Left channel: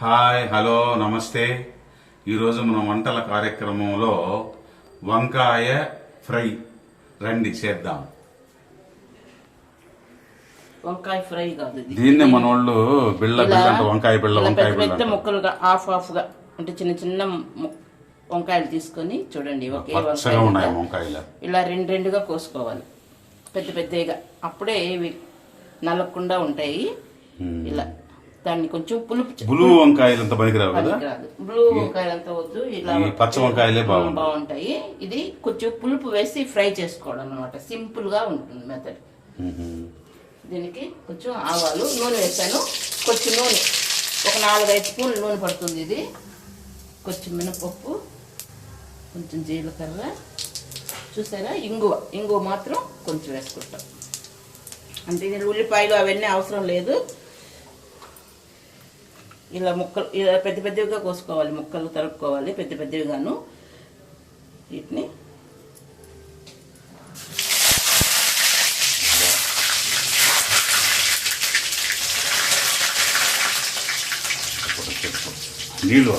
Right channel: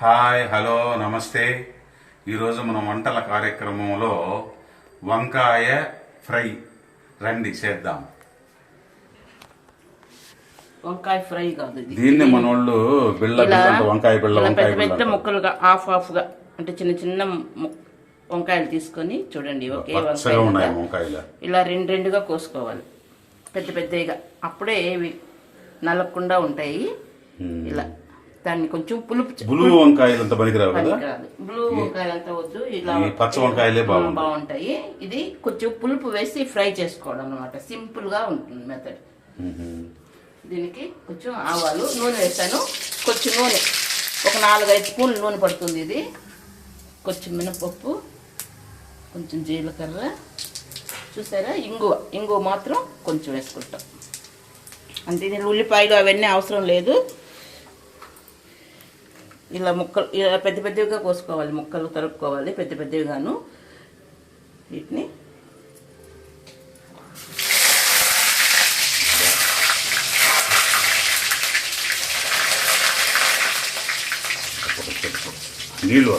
Hi hello నమస్తే. ఈరోజు మనం వంటల కార్యక్రమంలో వంకాయ ఫ్రై రండి చేద్దాం. వంకాయ ఫ్రై కాదు దీన్నే మన వాళ్ళు బిళ్ళ బిళ్ళ అంటే వంకాయ బిళ్ళ ఇలా వంకాయ పెద్ద బిళ్ళ పెద్ద అంటారు. ముక్కలుగా హాఫ్ హాఫ్గా అంటే చిన్న చిన్న ము- వంకాయలు తీసుకొని చూడండి ఒకే పచ్చగా వంకాయ ఉన్నాయి. వంకాయలు. ఇలా రెండు రెండుగా కోసుకోవాలి. పెద్ద పెద్దగా. అప్పుడే ఇవి నలగకుండా ఉంటాయి. ఇలా దాన్ని కొంచెం పులుపు బ్లూ వంకాయలు అంత పనికిరావు కదా? బ్లూ వంకాయలు అంతా వద్దు ఇలా పచ్చ వంకాయలే బాగుంటాయి. ఇది కొంచెం పులుపు వేసి ఫ్రై చేసుకోవడం అనమాట సింపుల్గా ఉంటుంది మెథడ్. దీనికి కొంచెం ఆవాలు నూనె వేస్తాను కొంచెం నూనె ఒక నాలుగైదు స్పూన్లు నూనె పడుతుంది ఇది. కొంచెం మినపప్పు కొంచెం జీలకర్ర. చూసారా? ఇంగువ. ఇంగువ మాత్రం కొంచెం వేసుకుంటాం. అంటే దీని ఉల్లిపాయలు అవన్నీ అవసరం లేదు. ఇలా ముక్కలు ఇలా పెద్ద పెద్దవిగా కోసుకోవాలి ముక్కలు తరుక్కోవాలి పెద్ద పెద్దవిగాను. వీటిని నీళ్ళు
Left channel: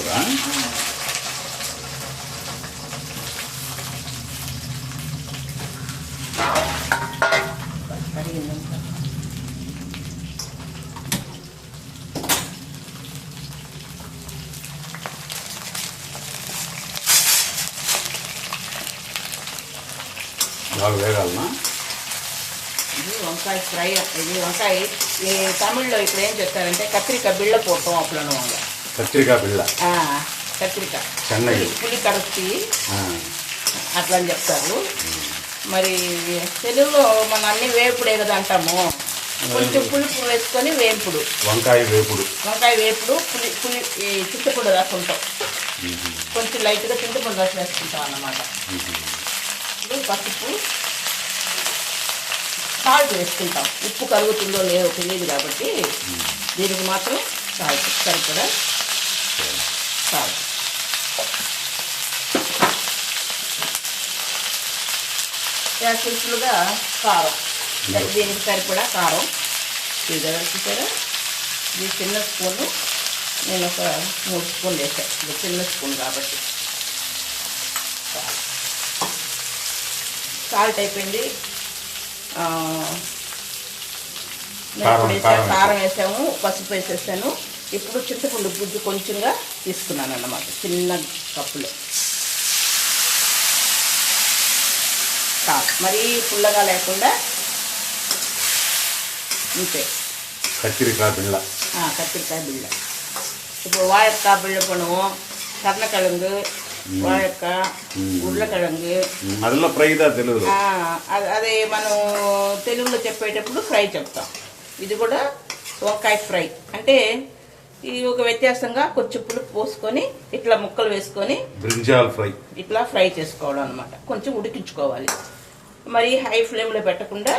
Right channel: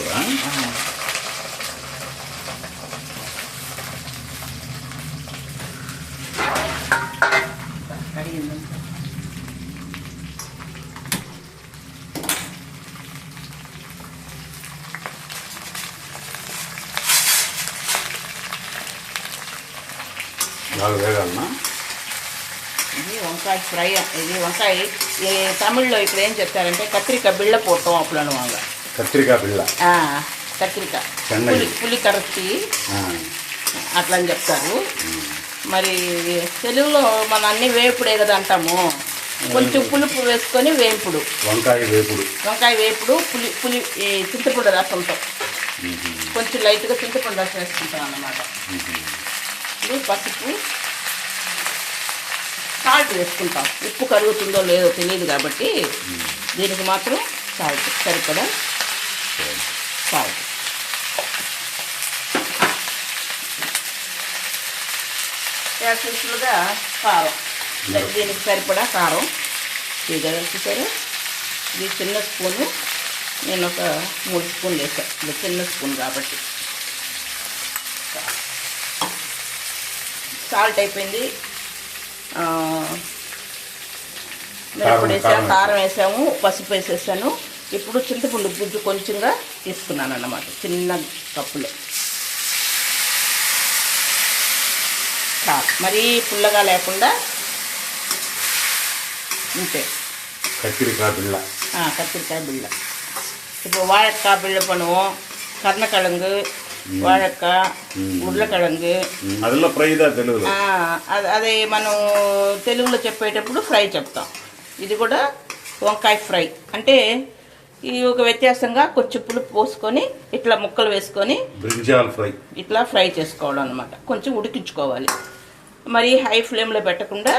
బాగా వేగాలనా ఇది వంకాయ ఫ్రై ఇది వంకాయ. ఈ తమిళ్ళో ఇప్పుడు ఏం చెప్తారంటే కత్రిక బిళ్ళ పోతాం అప్పుడు అనమాట కత్రికాయ బిళ్ళ. కత్రిక చెన్నై. పులి పులి కరచి. అట్లా అని చెప్తారు. మరి తెలుగులో మన అన్ని వేపుడే కదా అంటాము. కొంచెం పులుపు వేసుకొని వేపుడు. వంకాయ వేపుడు. వంకాయ వేపుడు పులి పులి చింతపండు రసంతో కొంచెం లైట్గా చింతపండు రసం వేసుకుంటాం అన్నమాట. ఇది పసుపు. సాల్ట్ వేసుకుంటాం. ఉప్పు కలుగుతుందో లేదో తెలియదు కాబట్టి దీనికి మాత్రం సాల్ట్ సరిపడా సాల్ట్ సింపుల్గా కారం. దీనికి సరిపడా కారం. ఇది చూసారు? ఇది చిన్న స్పూను నేను ఒక మూడు స్పూన్లు వేసాను చిన్న స్పూన్ కాబట్టి. సాల్ట్ అయిపోయింది వేసాము కారం వేసాము పసుపు వేసేసాను. ఇప్పుడు చింతపండు గుజ్జు కొంచెంగా తీసుకున్నాను అన్నమాట చిన్న కప్పులో. మరీ పుల్లగా లేకుండా ఉంటే. కత్తిరికాయ బిళ్ళ. కత్తిరికాయ బిళ్ళ. ఇప్పుడు వాయకాయ బిళ్ళ பிள்ளை కర్ణకళంగు వాడక్క ఉర్లకడంగి. అదిలో తెలుగు అదే మనం తెలుగులో చెప్పేటప్పుడు ఫ్రై చెప్తాం. ఇది కూడా వంకాయ ఫ్రై. అంటే ఈ ఒక వ్యత్యాసంగా కొంచెం పులుపు పోసుకొని ఇట్లా ముక్కలు వేసుకొని బ్రింజాల్ ఫ్రై. ఇట్లా ఫ్రై చేసుకోవడం అనమాట కొంచెం ఉడికించుకోవాలి. మరి హై ఫ్లేమ్లో పెట్టకుండా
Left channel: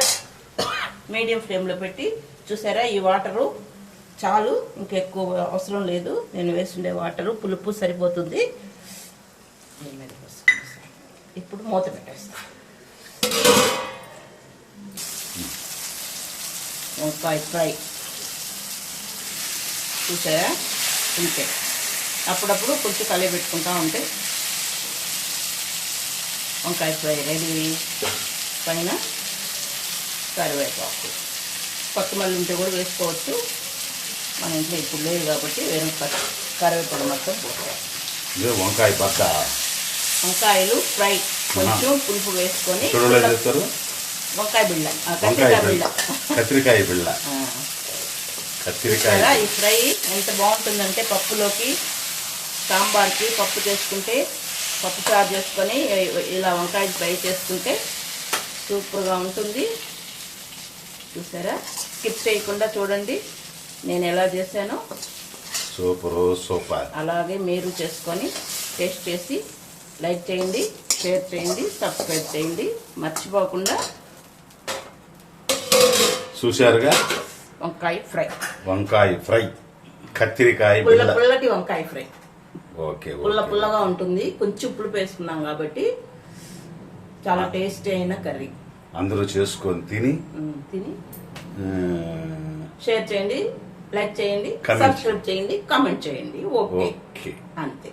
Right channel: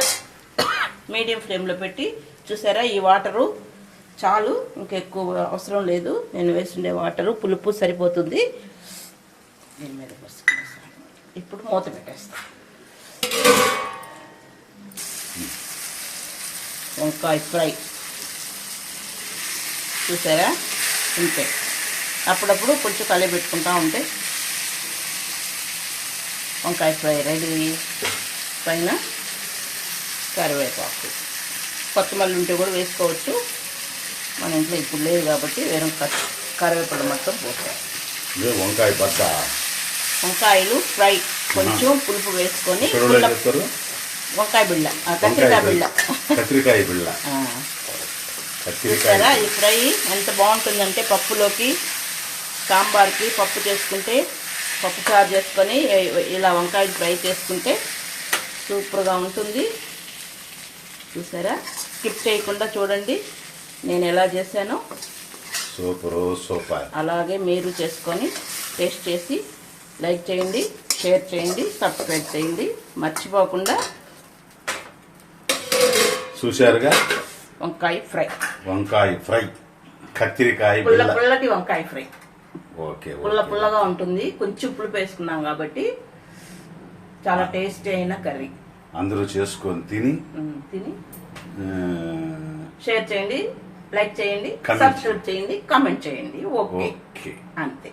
మీడియం ఫ్లేమ్లో పెట్టి చూసారా ఈ వాటరు చాలు ఇంకెక్కువ అవసరం లేదు. నేను వేస్తుండే వాటరు పులుపు సరిపోతుంది. దీని మీద పోసుకునేస్తాను. ఇప్పుడు మూత పెట్టేస్తాను వంకాయ ఫ్రై. చూసారా? ఇంతే. అప్పుడప్పుడు కొంచెం కలిపి పెట్టుకుంటా ఉంటే వంకాయ ఫ్రై రెడీ. పైన కరివేపాకు. పక్కమల్లి ఉంటే కూడా వేసుకోవచ్చు. మన ఇంట్లో ఇప్పుడు లేదు కాబట్టి వేరే కట్- కరివేపాకు మొత్తం పోతాం వంకాయ బద్ద వంకాయలు ఫ్రై. కొంచెం పులుపు వేసుకొని వంకాయ బిళ్ళ వంకాయ బిళ్ళ. కత్తిరికాయ బిళ్ళ. కత్తిరికాయ ఈ ఫ్రై ఎంత బాగుంటుందంటే పప్పులోకి సాంబార్కి పప్పు చేసుకుంటే పప్పు చారు చేసుకొని ఇలా వంకాయ ఫ్రై చేసుకుంటే సూపర్గా ఉంటుంది. చూసారా? స్కిప్ చేయకుండా చూడండి. నేను ఎలా చేశానో. Super super. అలాగే మీరు చేసుకొని టేస్ట్ చేసి లైక్ చేయండి షేర్ చేయండి సబ్స్క్రైబ్ చేయండి. మర్చిపోకుండా చూశారుగా? వంకాయ ఫ్రై. వంకాయ ఫ్రై. కత్తిరికాయ పుల్ల పుల్లటి వంకాయ ఫ్రై. ఓకే పుల్ల పుల్లగా ఉంటుంది. కొంచెం పులుపు వేసుకున్నాం కాబట్టి చాలా టేస్టీ అయిన కర్రీ. అందరూ చేసుకొని తిని తిని. షేర్ చేయండి లైక్ చేయండి సబ్స్క్రైబ్ చేయండి కామెంట్ చేయండి. ఓకే. అంతే.